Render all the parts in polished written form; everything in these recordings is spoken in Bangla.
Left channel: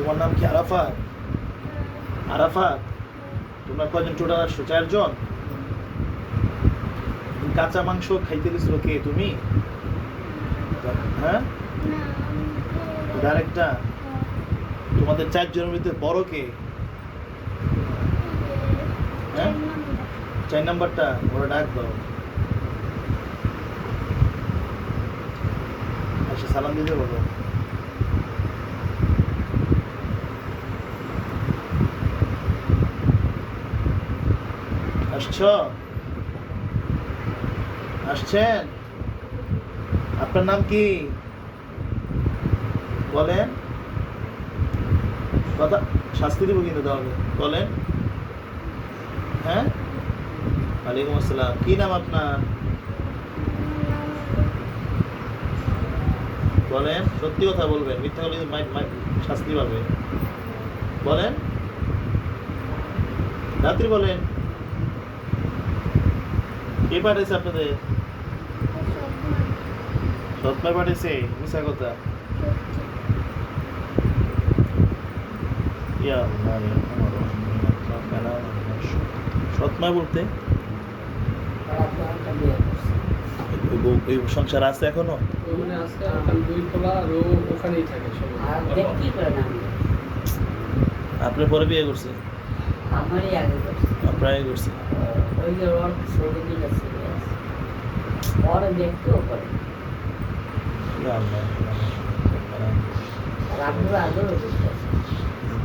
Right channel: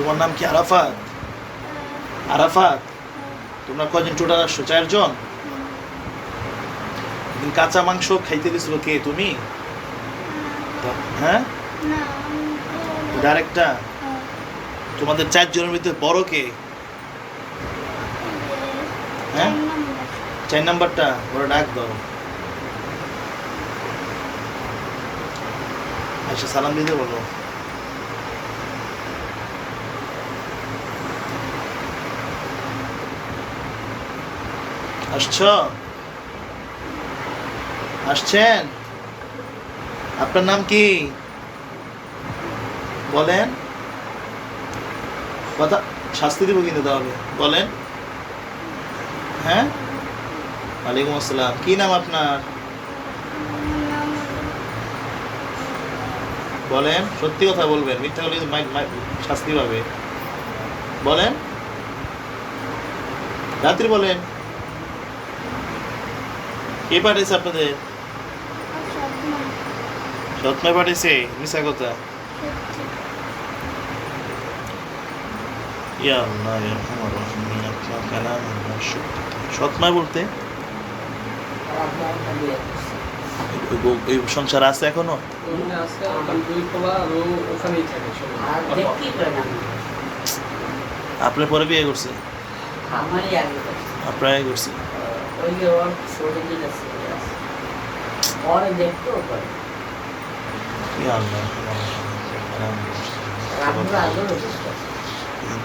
তোমার নাম কি আরাফাত? আরাফাত, তোমরা কয়জন টোটাল আসছো? 4 জন। কাঁচা মাংস খাইতে দিছিল কে? তুমি? হ্যাঁ, আরেকটা। তোমাদের 4 জনের ভিতরে বড় কে? হ্যাঁ, 4 নাম্বারটা বড়, ডাক দাও। আচ্ছা, সালাম দিতে বলো। আসছেন? আপনার নাম কি বলেন? কথা, শাস্তি দিব কিন্তু তাহলে। বলেন। হ্যাঁ, ওয়ালাইকুম আসসালাম। কি নাম আপনার? বলেন, সত্যি কথা বলবেন, মিথ্যা বলে শাস্তি পাবে। বলেন, রাত্রি বলেন। কে পাঠিয়েছে আপনাদের? সৎমায় পাঠিয়েছে? মিশা কথা। ইয়া আল্লাহ ইয়া আরহামার রাহিমিন, আপনার কালাম সৎমায় বলতে ওই সংসার আছে এখনো? আপনার পরে বিয়ে করছে? আপনার আগে করছে? ইয়া আল্লাহ,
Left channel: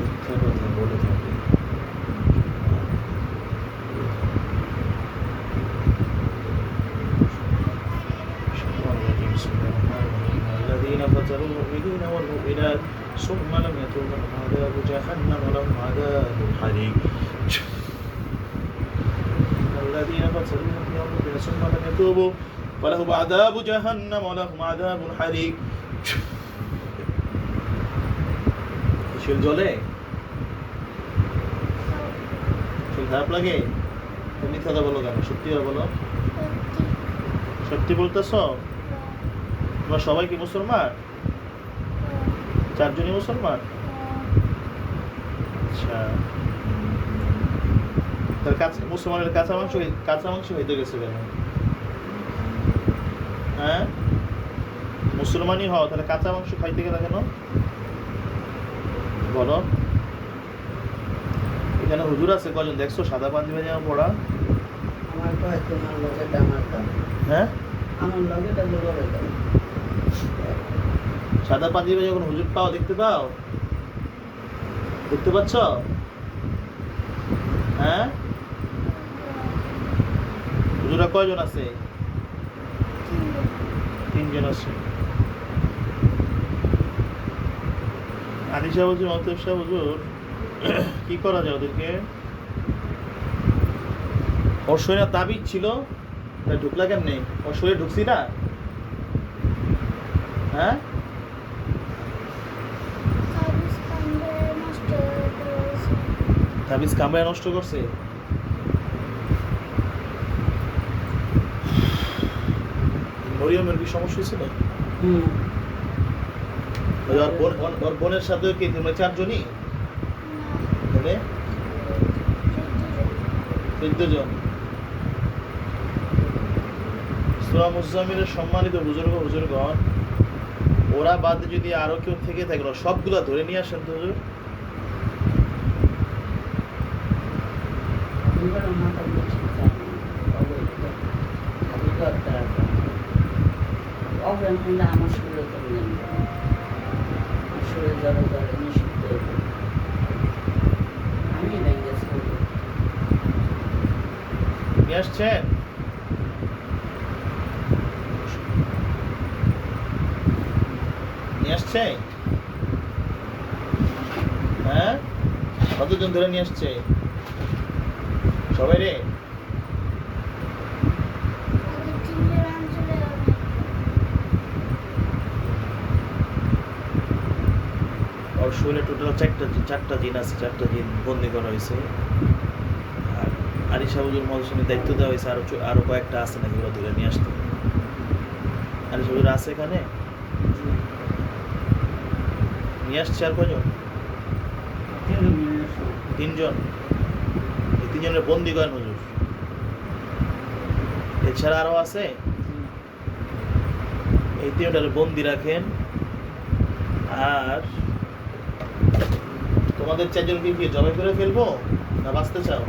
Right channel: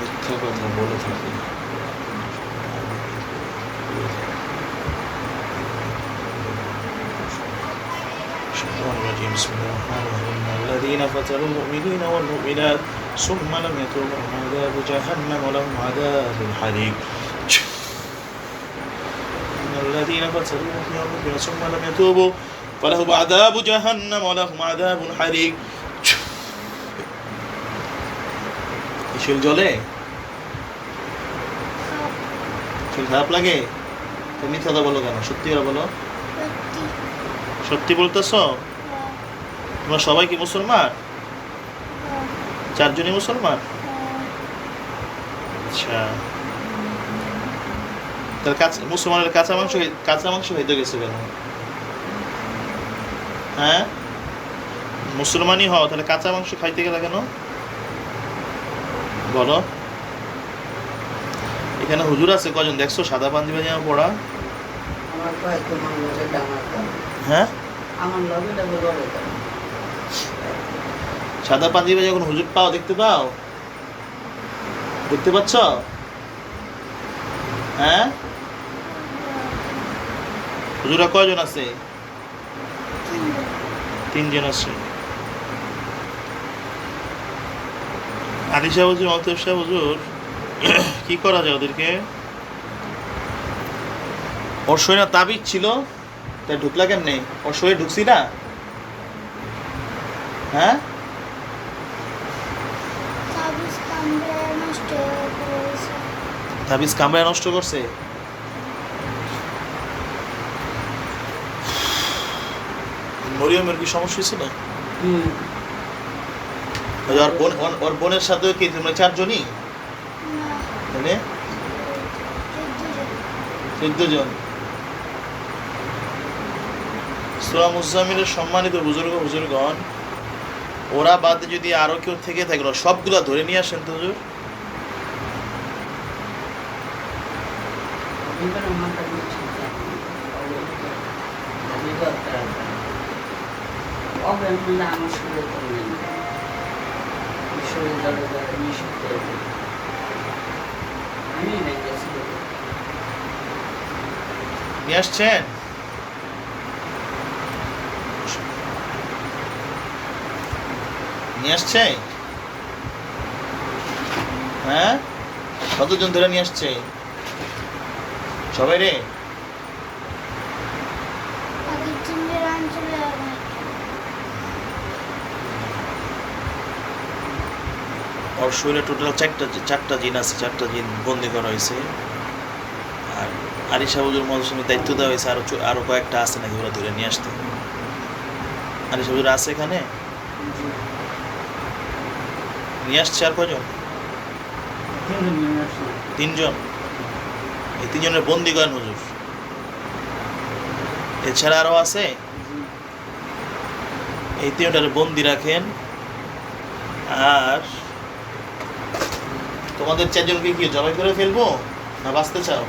মিথ্যা কথা বলে থাকে। بسم الله الرحمن الرحيم الذين فتنوا المؤمنين والمؤمنات ثم لم يتوبوا لهم عذاب جهنم ولهم عذاب الحريق الذين فتنوا المؤمنين والمؤمنات ثم لم يتوبوا فلهم عذاب جهنم ولهم عذاب الحريق চুল জ্বলে? চুল খারাপ লাগে? তুমি মিথ্যা বলো কেন? সত্যি বলো। সত্যি বলতেছো? তোমরা সবাই কি মুসলমান? 4 জনই মুসলমান? আচ্ছা, তাহলে মুসলমানের কাঁচা মাংস হইতে গেছে কেন? হ্যাঁ, মুসলমানই হও, তাহলে কাঁচা মাংস খাইতে গেলে কেন? বলো। এখানে হুজুর আছে কজন দেখছো সাদা পাঞ্জাবি জামা পড়া? হ্যাঁ, সাদা পাঞ্জাবি যখন হুজুর পাও, দেখতে পাও? দেখতে পাচ্ছ? হ্যাঁ, হুজুরা কয়জন আছে? 3 জন আছে। আলী সাহেব হুজুর, মতলব সাহেব হুজুর, কি করা যায় ওদেরকে? ওর শরীরে তাবিজ ছিল, তাই ঢুকলা কেমনে? ওর শরীরে ঢুকছি না? হ্যাঁ, তাবিজ কামড়ায় নষ্ট করছে। মরিয়মের কি সমস্যা ছিল? ওর বোনের সাথে কি তোমরা 4 জনই? তাহলে 14 জন। সূরা মুজাম্মিলের সম্মানিত হুজুরগণ, ওরা বাদে যদি আরো কেউ থেকে থাকে, সবগুলা ধরে নিয়ে আসেন তো হুজুর। নিয়ে আসছেন? নিয়ে আসছে? হ্যাঁ, কতজন ধরে নিয়ে আসছে? সবাই রে? ওর শরীরে টোটাল 4টা জিন আছে, 4টা জিন বন্দি করা হয়েছে। আর আরিশা হুজুর মৌসুমী দায়িত্ব দেওয়া হয়েছে আরো কয়েকটা আছে নাকি, ওরা ধরে নিয়ে আসতে। আরিশা হুজুর আছে এখানে? নিয়ে আসছে আর কয়জন? তিনজন। এই তিনজনের বন্দি করেন হুজুর। এছাড়া আরো আছে? এই তিনটারে বন্দি রাখেন। আর তোমাদের চারজনকে কি জবাই করে ফেলবো না বাঁচতে চাও?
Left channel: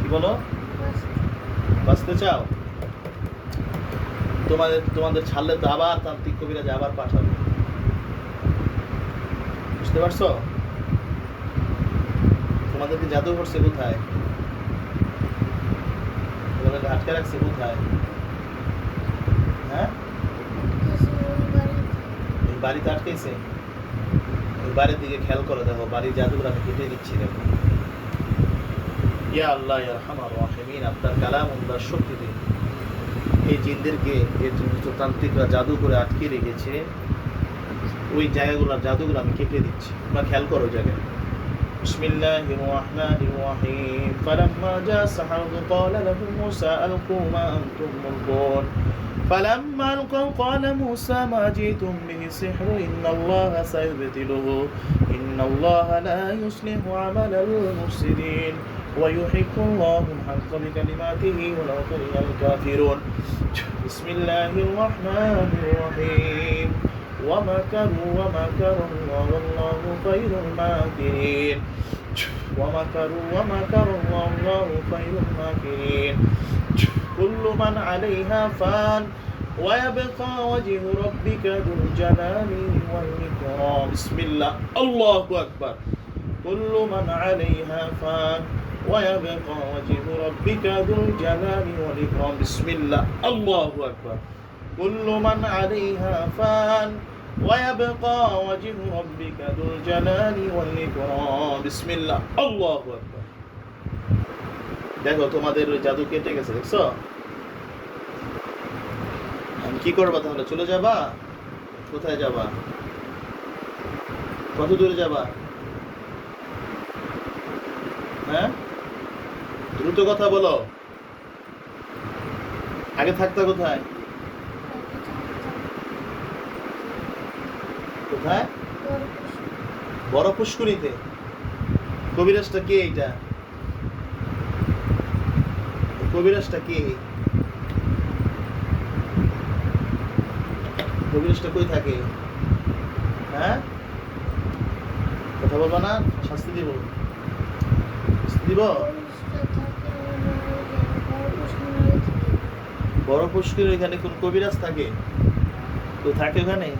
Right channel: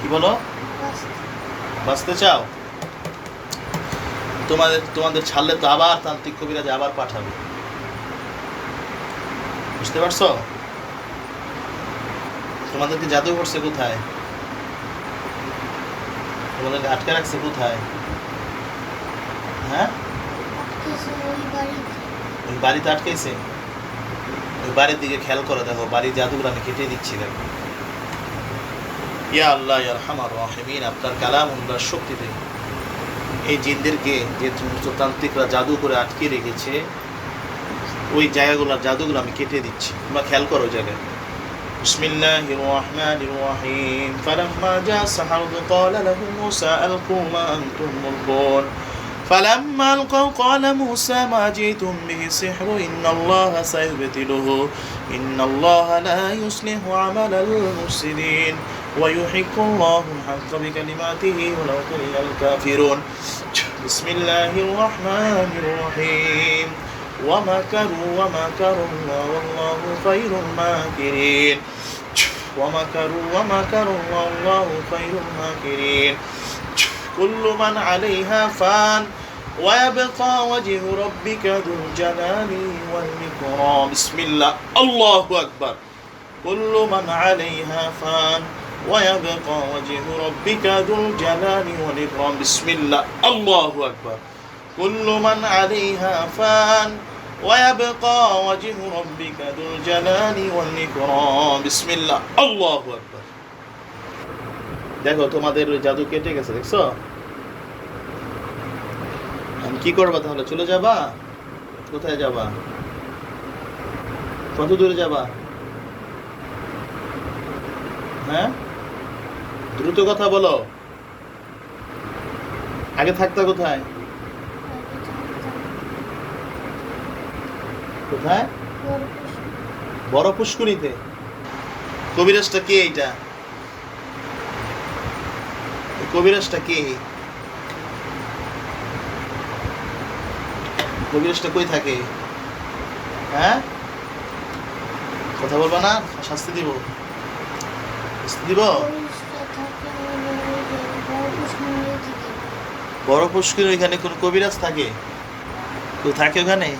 কি বলো? বাঁচতে চাও? তোমাদের ছাড়লে তো আবার তান্ত্রিক কবিরাজ আবার পাঠাবে, বুঝতে পারছো? তোমাদেরকে জাদু করছে কোথায়? তোমাদেরকে আটকে রাখছে কোথায়? হ্যাঁ, ওই বাড়িতে আটকেছে। ওই বাড়ির দিকে খেয়াল করে দেখো, বাড়ির জাদুগুলো আমি কেটে দিচ্ছি দেখো। ইয়া আল্লাহ ইয়া আরহামার রাহিমিন, আপনার কালামুল্লাহর শক্তিতে এই জিনদেরকে যে সমস্ত তান্ত্রিকরা জাদু করে আটকে রেখেছে ওই জায়গাগুলোর জাদুগুলো আমি কেটে দিচ্ছি। তোমরা খেয়াল করো জায়গায়। বিসমিল্লাহির রাহমানির রাহিম। ফালাম্মা জা সাহারু ক্বালা লাহুম মূসা আলকু মা আনতুম মুলকুন। فلما ألقوا قال موسى ما جئتم به سحر إن الله سيبطله إن الله لا يصلح عمل المفسدين ويحق الله الحق بكلماته ولو كره الكافرون. بسم الله الرحمن الرحيم. ومكروا ومكر الله والله خير الماكرين. ومكروا ومكر الله والله خير الماكرين. كل من عليها فان ويبقى وجه ربك ذو الجلال والإكرام. بسم الله الله أكبر. كل من عليها فان ويبقى وجه ربك ذو الجلال والإكرام. بسم الله الله أكبر. كل من عليها فان ويبقى وجه ربك ذو الجلال والإكرام. بسم الله الله أكبر. দেখো তোমাদের জাদু কেটে গেছে, দেখছো? আমি কি করবা তাহলে? চলে যাবা? কোথায় যাবা? কত দূরে যাবা? হ্যাঁ, দ্রুত কথা বলো। আগে থাকতা কোথায়? কোথায়? বড় পুষ্করিতে। কবিরাজটা কে? এইটা কবিরাজটা কে? কবিরাজটা কই থাকে? হ্যাঁ, কথা বলবা না? শাস্তি দিব, শাস্তি দিব। বড় পুষ্করির ওইখানে কোন কবিরাজ থাকে? কেউ থাকে ওখানে?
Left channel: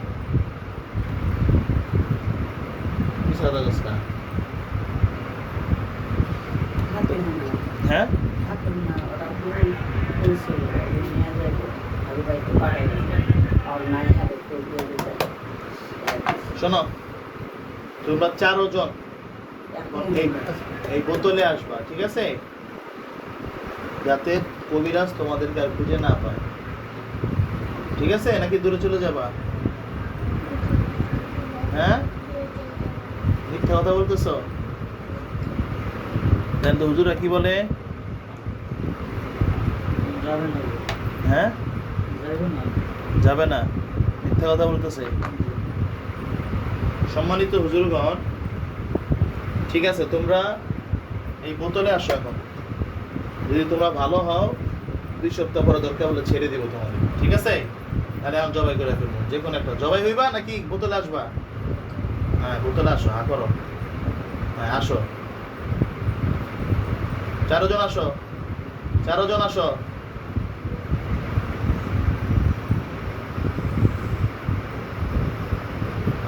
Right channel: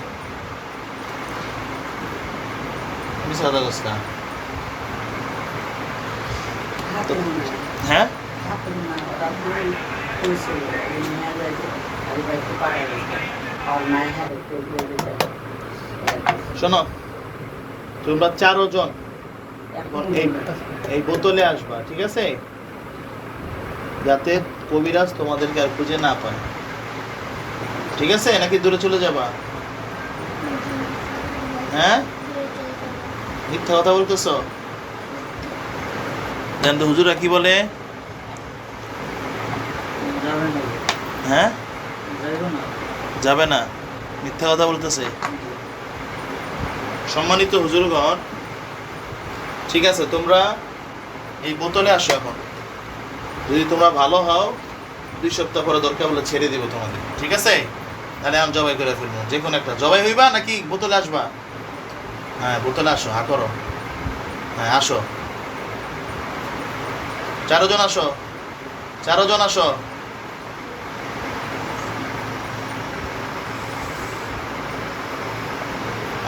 হ্যাঁ, শোনো, তোমরা 4 জন এই বোতলে আসবা, ঠিক আছে? যাতে কবিরাজ তোমাদেরকে আর খুঁজে না পায়, ঠিক আছে? নাকি দূরে চলে যাবা? হ্যাঁ, মিথ্যা কথা বলতেছ। জান তো হুজুরা কি বলে? হ্যাঁ, যাবে না, মিথ্যা কথা বলতেছে। সম্মানিত হুজুরগণ, ঠিক আছে, তোমরা এই বোতলে আসো এখন। যদি তোমরা ভালো হও 2 সপ্তাহ পরে দরকার বলে ছেড়ে দিব তোমাদের, ঠিক আছে? তাহলে আমি জবাই করে ফেলবো। যে কোনো একটা জবাই হইবা নাকি বোতলে আসবা? হ্যাঁ, বোতলে আসো, হা করো। হ্যাঁ, আসো, 4 জন আসো, 4 জন আসো।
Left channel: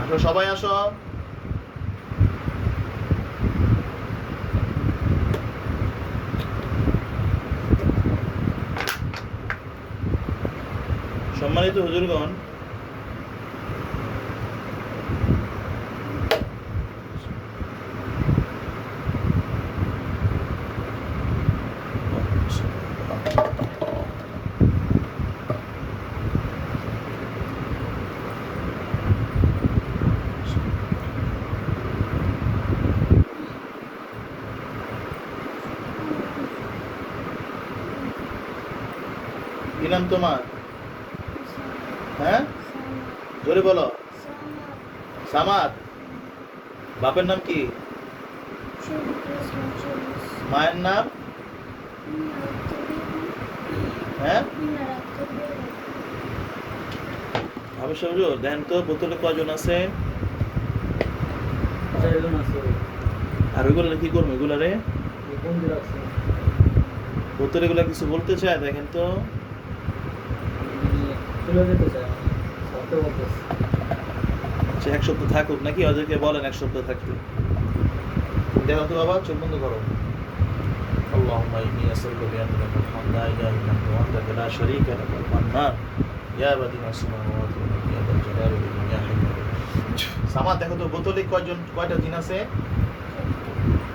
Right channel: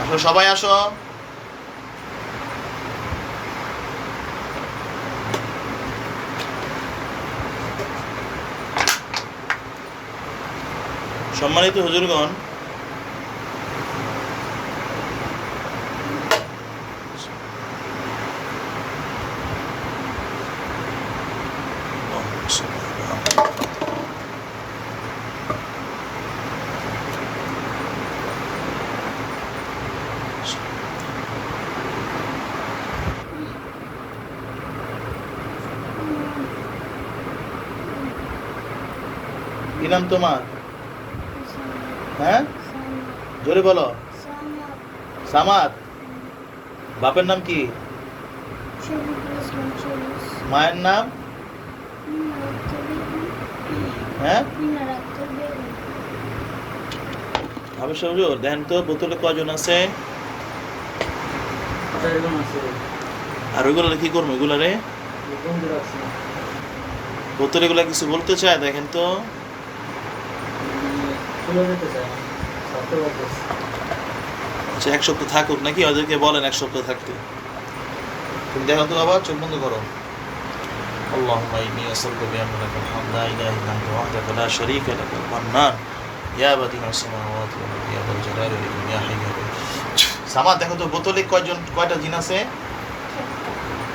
আসো, সবাই আসো। সম্মানিত হুজুরগণ, কি নাম তোমার? হ্যাঁ, জোরে বলো। সামাদ, বাপের নাম কি? মায়ের নাম? হ্যাঁ, হাফেজ হুজুর দেন তো বোতলে কয়জন আছে? আর ওইগুলো কি করবো? এগুলারে বোতলে এগুলা কিছু বলতে চায়, দেখেন তো। আচ্ছা, এক সপ্তাহ থাকুক নাকি? ওদেরকে বলেন এক সপ্তাহ থাকতে। দেখো তো বাবা, চোখ বন্ধ করো। আল্লাহুম্মা ইন্নী আসআলুকা বিআন্না লাকাল হামদু লা ইলাহা ইল্লা আনতা ওয়াহদাকা লা শারীকা লাকাল মান্নান ইয়া বাদিআস সামাওয়াতি ওয়াল আরদি ইয়া যাল জালালি ওয়াল ইকরাম ইয়া হাইয়্যু ইয়া কাইয়্যুম। সামাদ, দেখো তো বোতলে কয়টা জিন আছে?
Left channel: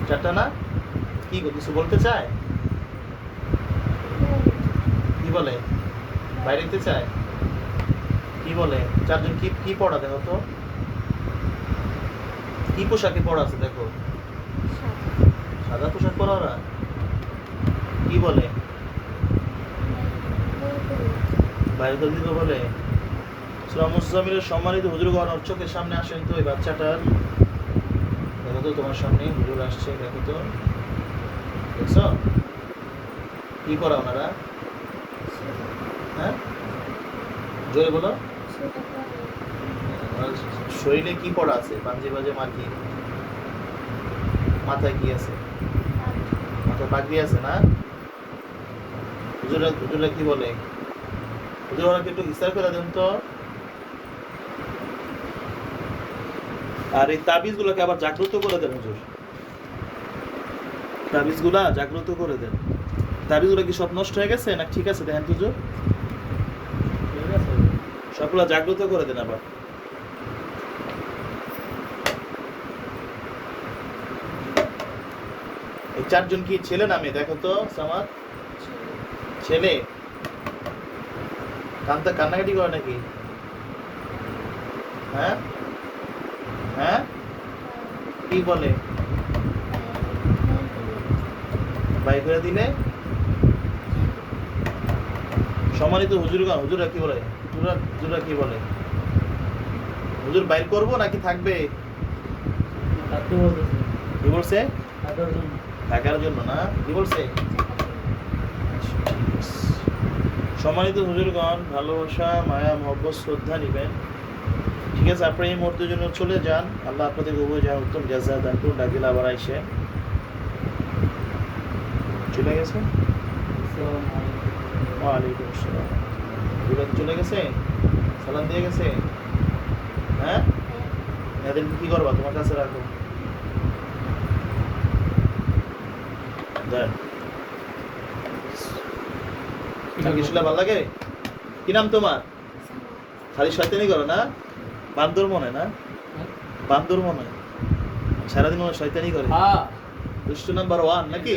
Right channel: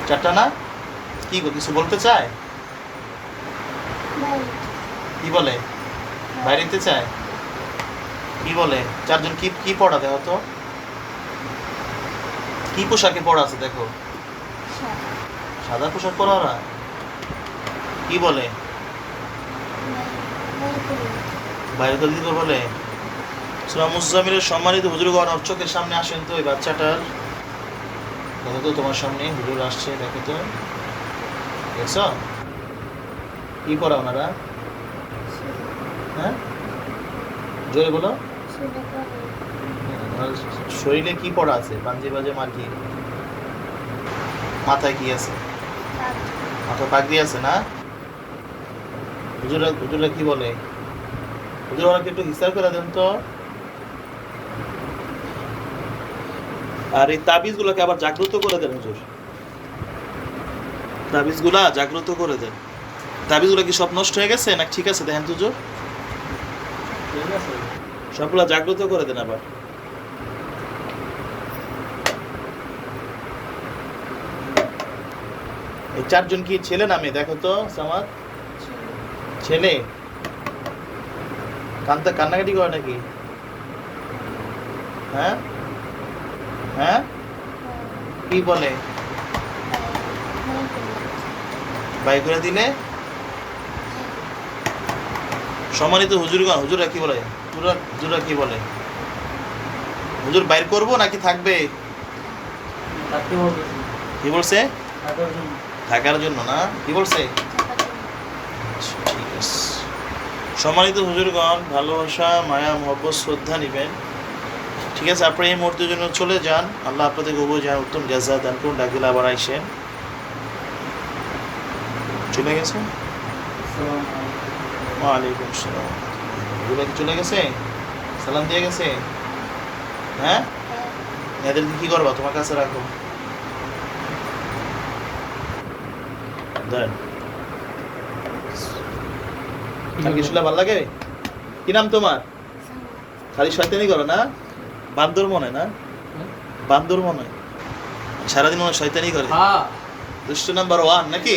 4টা না? কি কিছু বলতে চায়? কি বলে? বাইরে যেতে চায়? কি বলে? 4জন কি পড়া? দেখো তো কি পোশাকে পড়া আছে, দেখো। সাদা পোশাক পরা ওরা। কি বলে? বাইরে তো দিতে বলে। সূরা মুজাম্মিলের সম্মানিত হুজুরগণ, ওর চোখের সামনে আসেন তো এই বাচ্চাটার। দেখো তো তোমার সামনে হুজুর আসছে, দেখো তো। দেখছ কি পড়া ওনারা? হ্যাঁ, জোরে বলো। শরীরে কি পড়া আছে? পাঞ্জি বাজে মার্কি। মাথায় কি আছে? মাথায় পাগড়ি আছে না? হুজুরা কি বলে? হুজুর ওনাকে একটু হিসাব করে দেন তো। আর এই তাবিজ গুলোকে আবার জাগ্রত করে দেন হুজুর। তাবিজ গুলা জাগ্রত করে দেন। তাবিজ গুলা কি সব নষ্ট হয়ে গেছে না ঠিক আছে? দেখেন তো হুজুর, সবগুলা জাগ্রত করে দেন আবার। এই 4জন কি ছেলে না মেয়ে? দেখো তো সামাদ, ছেলে। কান্নাকাটি করে নাকি? হ্যাঁ হ্যাঁ, কি বলে? বাই করে দিলে? সম্মানিত হুজুরগণ, হুজুরা কি বলে? হুজুরা কি বলে? হুজুর বাইর করবো নাকি থাকবে? কি বলছে? থাকার জন্য না? কি বলছে? ঠিক আছে। সম্মানিত হুজুরগণ, ভালোবাসা, মায়া, মহব্বত, শ্রদ্ধা নিবেন। ঠিক আছে, আপনি এই মুহূর্তের জন্য চলে যান। আল্লাহ আপনাদের উভয় যান উত্তম জাযা দান করুন। ডাকিলে আবার আইসেন। চলে গেছে? ওয়ালাইকুম আসসালাম। এগুলো কি চলে গেছে? সালাম দিয়ে গেছে? হ্যাঁ, এদেরকে কি করবা? তোমার কাছে রাখো। দেন। আর কি শুনলে ভালো লাগে? কি নাম তোমার? খালি শয়তানি করো না? বান্দর মনে না? বান্দর মনে সারাদিন মনে শয়তানি করে। দুষ্ট নাম্বার 1 নাকি?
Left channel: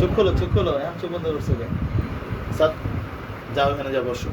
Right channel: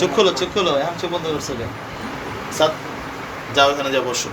চোখ খোলো, এখন চোখ বন্ধ করছো। যাও, এখানে যাও, বসো।